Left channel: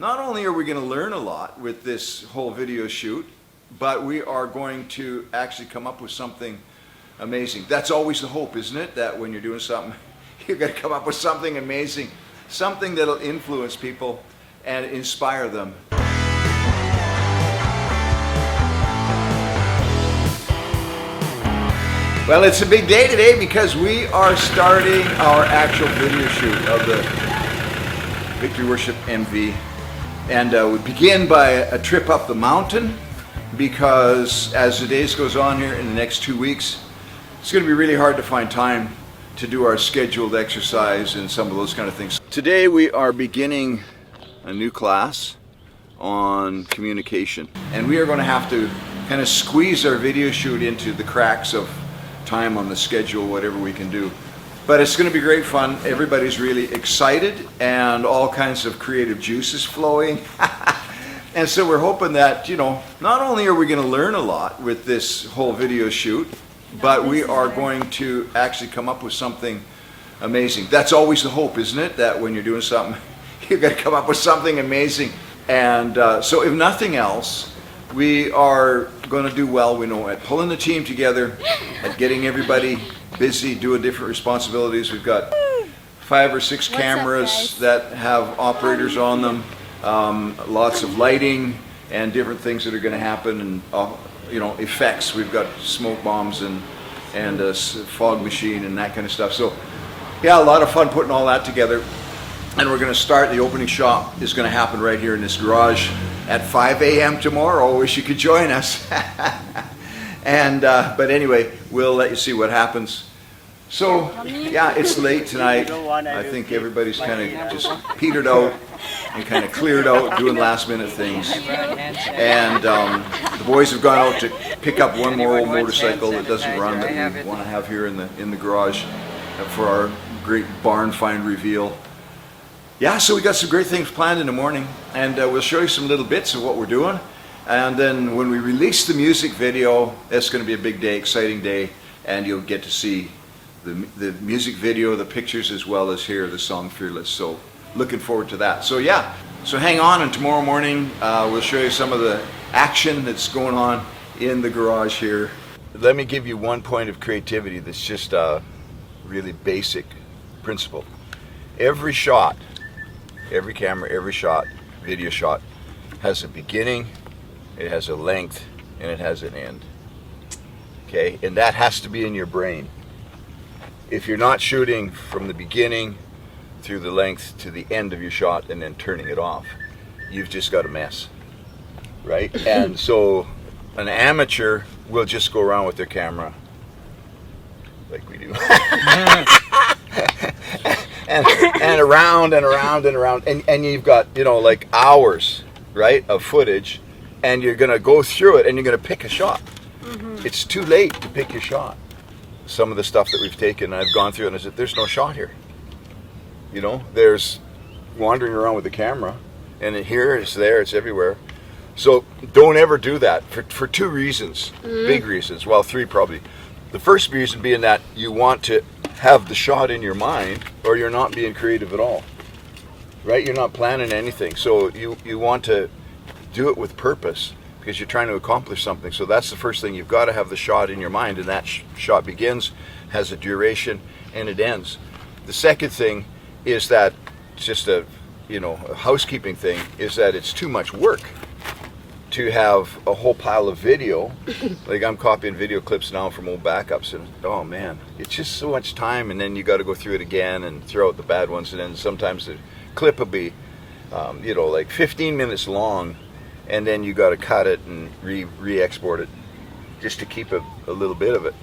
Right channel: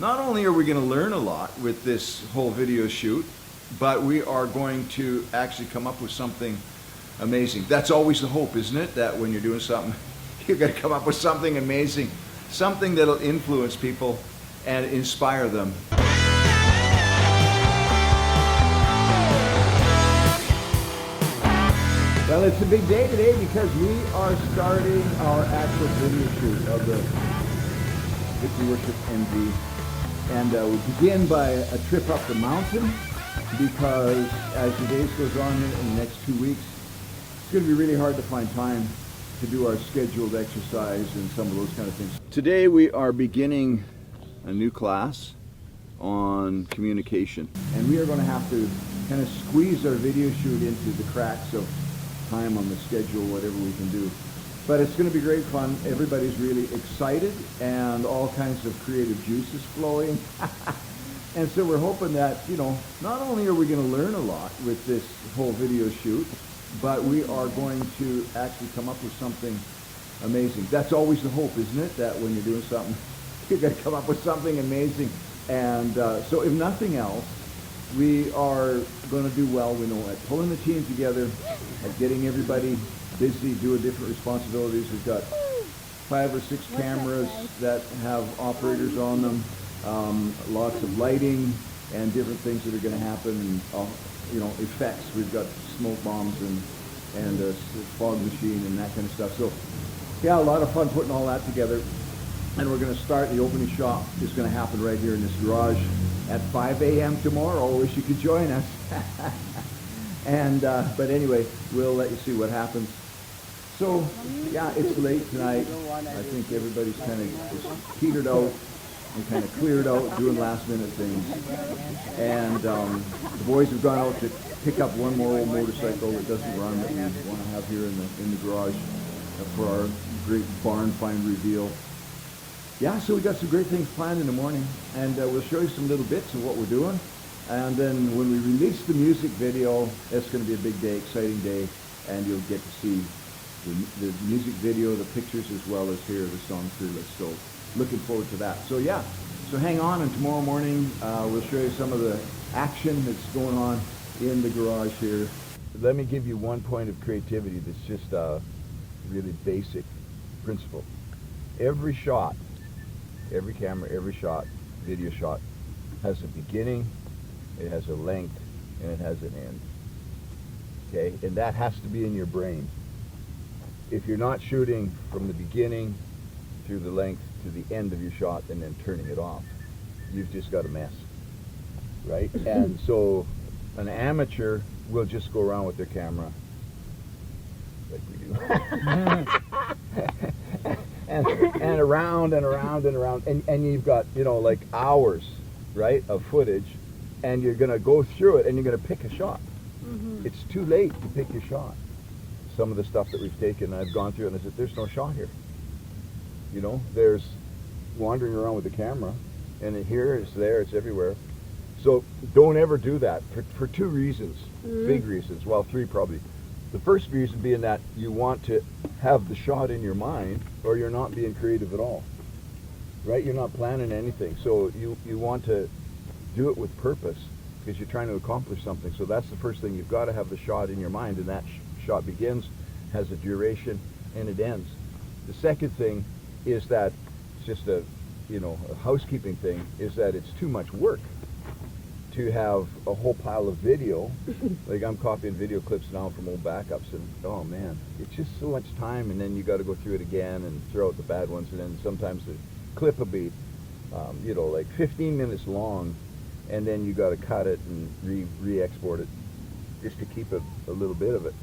Not only are we going to learn a lot with this whole video shoot, but we are going to actually come up with something amazing. That's always the hope, isn't it? That when you're doing something, you're going to come up with something amazing, something that'll influence people and inspire them. Well, it's a big day today because we are starting our actual video shoot of the Victory Worship MV. And we begin by a trip up the mountain because as the days goes on here in the next 2 weeks, it's going to be really hard to find time to do our scheduled exercise and some of those kind of things. Today we are beginning a new class on communication. And we are going to have to kind of squeeze our video shoot into the cracks of time on the schedule, whatever we can do. But it's going to be great fun. Everybody's really excited and all kinds of creative juices flowing. And so we're hoping that, not only are we going to learn a lot with this whole video shoot, but we are going to actually come up with something amazing. That's always the hope, isn't it? That when you're doing something, you're going to come up with something amazing. And so if nothing else, we are going to do well, we know, at pulling the team together, at getting everybody busy, doing different responsibilities. We've got 5 or 6 cameras that have operators on them, lots of lighting and different things that are going to happen, and effects. We've got smoke bombs and a fog machine and that kind of stuff. So yeah, a lot of fun putting all that together. And we're going to start, the opening shot is going to happen right here in this garage at 5 a.m. tomorrow. I wish you could join us. And but anyway, we'll let you see what happens. So yeah, it's late tonight. I think everybody's kind of just petered out and kind of cleared out, doing last minute things. And the boys have gone out to pick up one more old motorcycle that doesn't run that we want to have here in the garage for our great barn find reveal. Yeah, so we got some great things planned in the morning, and we'll show you some little bits of what we're doing. And then when we release the music video, it's going to be a big day, exciting day, and you'll get to see the music video, the pictures, as well as hear the song Fearless. So looking forward to that. So yeah, so hang on, and tomorrow morning we'll show you some of the action that's going on in the garage here. Let me give you one point of creativity that's just a really basic principle. Every shot, every camera, every shot, video shot, has a beginning, it has a length, and it has an end. Okay, and that has to be in your brain. If you're not shooting from the beginning through the length to the end of your shot and then turning it off, you've just got a mess, right? And so an amateur will just go around with their camera like we do. and around and around and around, and you've got like hours, right, of footage, and you're gonna go through it and you're gonna pick a shot. It's too late to pick your shot. Some of the stuff that we've taken, I've gone through and I said, there's no shot here. There's wandering around with the camera, and here, it's there, it's everywhere. So don't ever do that for 2 reasons, big reasons, well, 3 probably. The first reason being that you want to have the shot in your mind, or you're not being creative at all, right? You're not planning anything. So you want to do it with purpose because you're trying to accomplish something. So that's the first thing. You've got to have the shot in your mind, and that shot begins, has a duration, and it ends. The second thing is that, just a housekeeping thing, is that it's too much work to have a whole pile of video. Like, I'm copying video clips now from old backups, and oh man, it's just so much time, and then you got to go through it again and throw out the bad ones, and then sometimes the clip will be like 15 minutes long, and then you got to cut it and re-export it just to keep a little bit of it.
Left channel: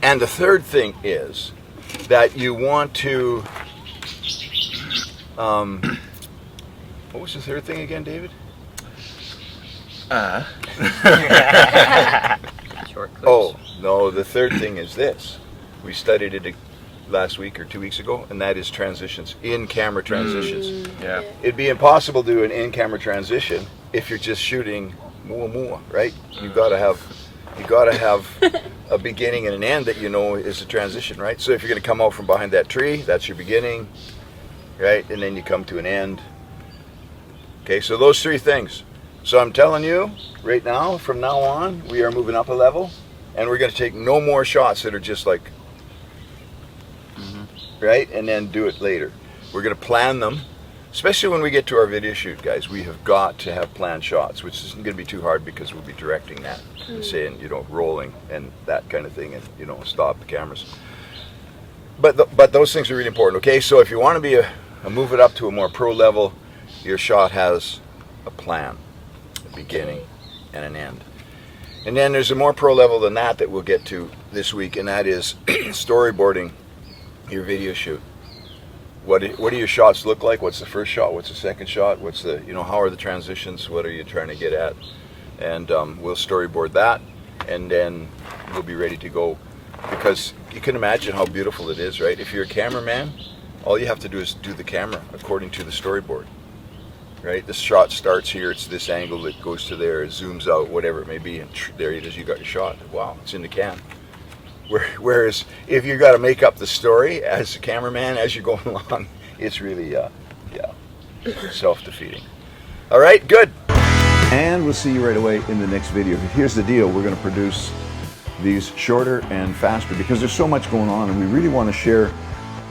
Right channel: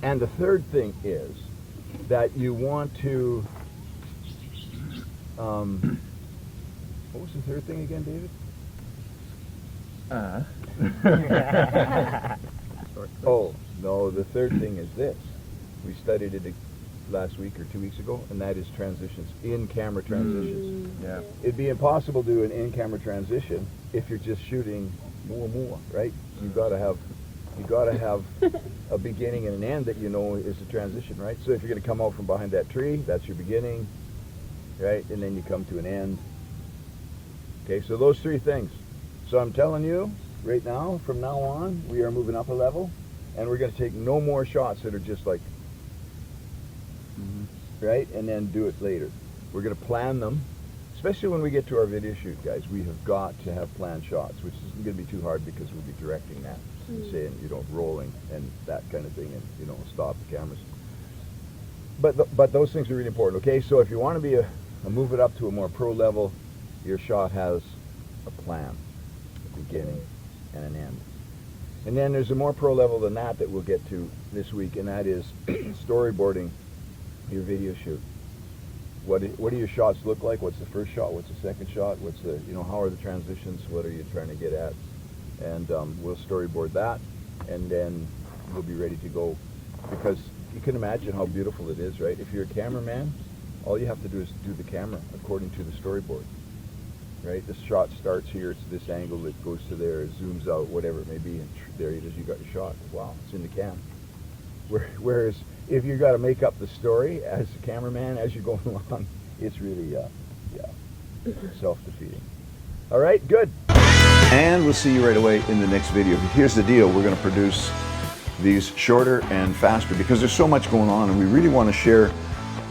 And the third thing is that you want to what was the third thing again, David? Short clips. Oh, no, the third thing is this. We studied it last week or 2 weeks ago, and that is transitions, in-camera transitions. Yeah. It'd be impossible to do an in-camera transition if you're just shooting more, right? You've got to have a beginning and an end that is a transition, right? So if you're going to come out from behind that tree, that's your beginning, right? And then you come to an end. Okay, so those three things. So I'm telling you right now, from now on, we are moving up a level, and we're going to take no more shots that are just like, right, and then do it later. We're going to plan them, especially when we get to our video shoot, guys. We have got to have planned shots, which isn't going to be too hard because we'll be directing that, and saying, you know, rolling and that kind of thing, and, you know, stop the cameras. But those things are really important. Okay, so if you want to be move it up to a more pro level, your shot has a plan, a beginning and an end. And then there's a more pro level than that we'll get to this week, and that is storyboarding your video shoot. What do your shots look like? What's the first shot? What's the second shot? What's the, you know, how are the transitions? What are you trying to get at? And we'll storyboard that, and then we'll be ready to go. Because you can imagine how beautiful it is, right? If you're a cameraman, all you have to do is do the camera according to the storyboard, right? The shot starts here, it's this angle that goes to there, it zooms out, whatever it may be, and there it is, you got your shot. Wow, it's in the can. Whereas if you got to make up the story as a cameraman as you're going along, it's really, self-defeating. All right, good. And we'll see you right away in the next video. Here's the deal, we're going to produce these shorter and faster because there's so much going on, and we really want to share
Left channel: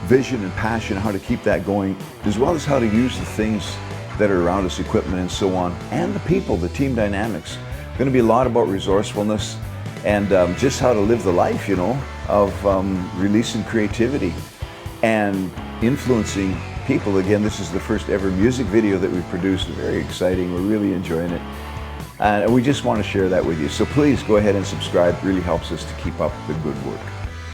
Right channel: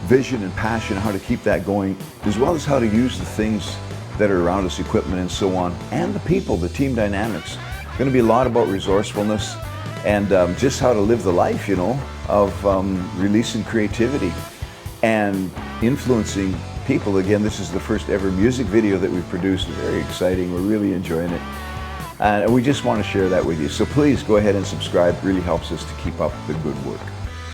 vision and passion, how to keep that going, as well as how to use the things that are around us, equipment and so on, and the people, the team dynamics. It's going to be a lot about resourcefulness and just how to live the life, you know, of releasing creativity and influencing people. Again, this is the first ever music video that we've produced. Very exciting. We're really enjoying it. And we just want to share that with you. So please go ahead and subscribe. It really helps us to keep up the good work.